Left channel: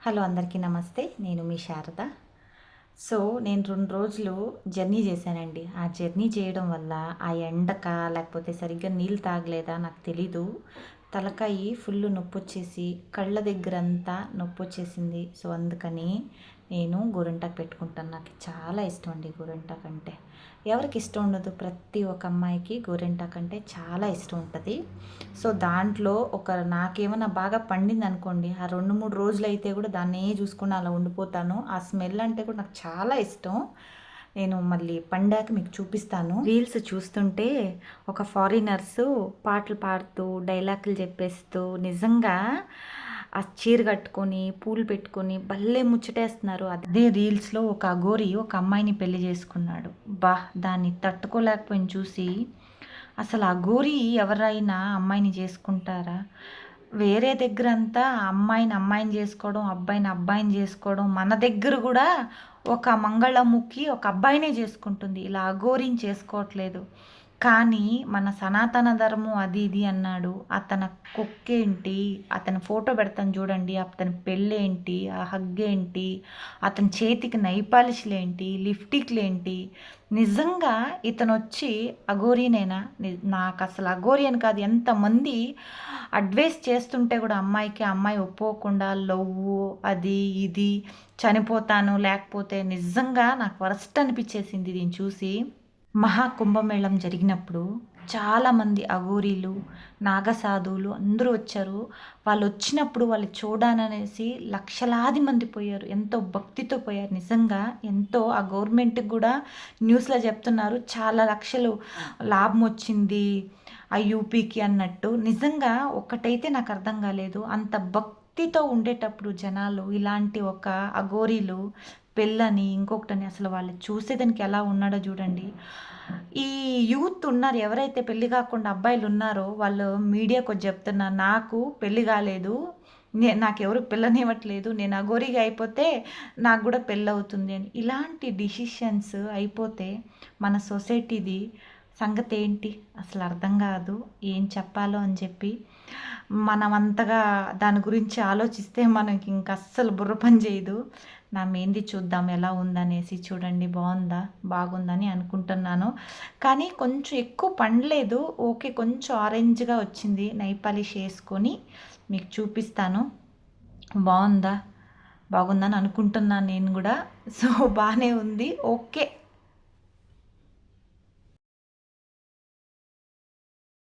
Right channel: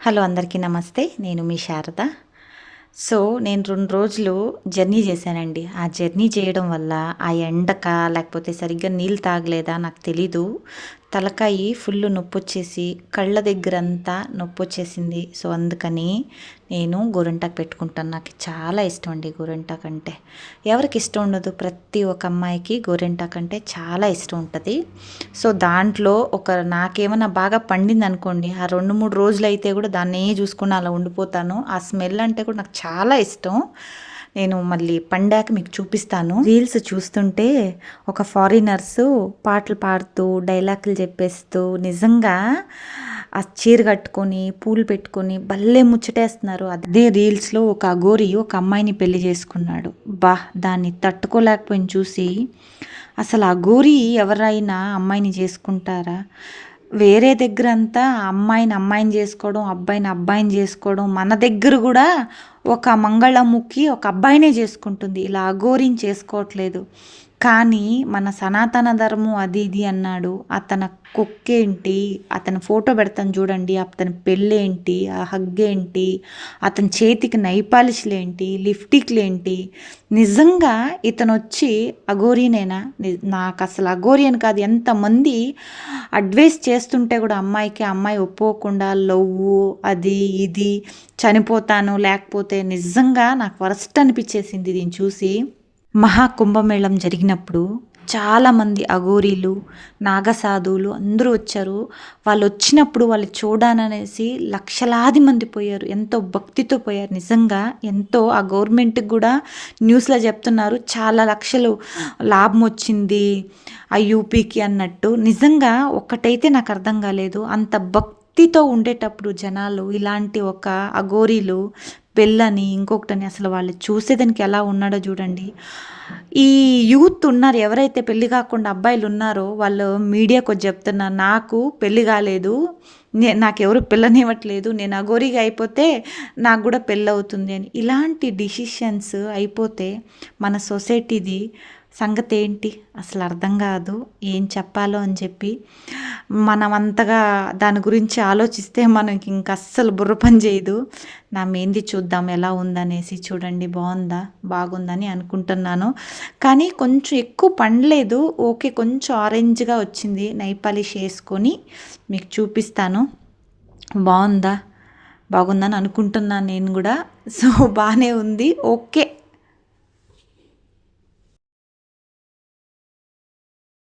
Hello అందరికీ నమస్తే. నేను మీ శారద. సో, నేను 2 రోజులు జర్నీ చేశానండి. ఆ జర్నీ చేయడం వల్ల ఆ ఎండకా లేకపోతే సరిగ్గా నీళ్ళు తాగలేదా నాకు తెలీదు. తలకాయి ఫుల్లు నొప్పొచ్చేసి, కళ్ళ దగ్గరంతా నొప్పొచ్చేసింది. సో, అందుకని నేను గోరింటాకు పెట్టుకుంటాను. నాకు చాలా ఇష్టం అండి గోరింటాకు అంటే. ఎవరికి ఇష్టం ఉండదు? ప్రతి ఒక్క అమ్మాయికి గోరింటాకు అంటే చాలా ఇష్టం ఉంటది. సో, దాంట్లో నాకేమన్నా బాగా పండిందనుకోండి, ఆ 2, 3 రోజులైతే కూడా దాన్నే చూసుకొని అలా ఉండిపోతాను. ఆ స్మెల్ అంటే కూడా నాకు చాలా ఇష్టం. నేను మళ్ళీ పండాక మీకు చూపిస్తాను. రీల్స్ చూస్తుంటే ఒక ఫారినర్సు పాటలు పాడుతూ, డైలాగులు చెప్పేస్తూ నిజంగా ఆ చీర కట్టుకొని, పూలు పెట్టుకొని భలే ముచ్చటేస్తున్నారు. అదే రీల్స్‌లో ఒక అఘోరి ఒక అమ్మాయిని పెళ్లి చేసుకున్నాడు. దాన్ని తట్టుకోలేకపోయాను చూసి. అసలు అఘోరి ఎవరైనా అమ్మాయిని చేసుకుంటారా? వేరే దగ్గరంతా అమ్మాయిని చేసుకోవడం, అబ్బాయిని చేసుకోవడం. మన దగ్గర గూడా ఒక మంగళముఖి ఒక అబ్బాయినే చేసుకుంటుంది. ఇలా అఘోరిని చేసుకోవట్లేదు. కానీ మన సనాతన ధర్మం అది ఇది అన్నాడు. అతని కుక్కేంటి, అతని ఫోటో పెడతాను చూడండి. అతని పెళ్ళేంటి, ఆ హగ్గేంటి, అతని చేతికి నైపాలిష్‌లేంటి, లిప్‌స్టిక్‌లేంటి. నిజంగా ఇతనొచ్చి అఘోరీనేనా? నాకసలు అఘోరి అని కాదు, ఎంతమంది అడ్వైస్ చేస్తుంటే కూడా అమ్మాయికి, ఆ అమ్మాయి ఒప్పుకోకుండా లవ్వు అది ఇది చనిపోతాను లేకపోతే నిజంగా నాకు వరస్ట్ అనిపించేసింది దీన్ని చూసి. మహాకుంభమేళం జరిగినప్పుడు చాలామంది అఘోరీలు, నాగసాధువులు అందరూ వచ్చారు. వాళ్ళు వచ్చినప్పుడు వాళ్ళు చూడాలనేసి లక్షలాది మంది పోయారు. ఎంతో భక్తితో పోయారు. నిజంగా ఎంతో ఆ గవర్నమెంట్‌కి కూడా న్యూస్‌లో చెప్తున్నారు. చాలా లక్షలు లాభం వచ్చింది ఆ యూపీకి అన్నట్టు. నిజంగా ఒక్కటైతే నాకు అర్థం కాలేదు. అంత భక్తితో ఉండేటప్పుడు జనాలు ఇలాంటి ఒక అఘోరీలు పెళ్ళని ఇంకొకటని అసలు వాళ్ళు చూసేదానికి ఎలా ఉన్నాడో చూడండి. ఈ యూత్ ఉన్నారు ఎవరైతే పెళ్లి కాకుండా అబ్బాయిలు ఉన్నారో వాళ్ళు మీడియాకి వచ్చి చెప్తున్నారు, నాకు పెళ్లి కాలేదు, నాకెవరు పిల్లనివ్వట్లేదు, నేను అఘోరిగా అయిపోతే నాకు కూడా పెళ్ళి అవుతుంది అని. ఇలాంటి డిసిషన్స్ అయిపోతే మన సొసైటీది సంగతి ఏంటి అసలు అర్థం కాదు. ఏం చెప్పాలో అని చెప్పి మనం అంతగా దాని గురించి ఆలోచిస్తే మనకి ఇంక అస్సలు బుర్ర పని చేయదు. నా మెహందీ చూద్దాం ఎలా ఉందనేసి. చూడండి బాగుందా, బాగుందని అనుకుంటున్నాను. కానీ కొంచెం ఎక్కువ పండలేదు. ఓకే, కొంచెం ఆరెంజ్గా వచ్చింది. నైల్ పాలిష్ వేసుకొని మీకు చూపిస్తాను. బాగుందా, బాగుందని అనుకుంటున్నాను నేను కూడా. సో, బాగానే ఉంది. ఓకే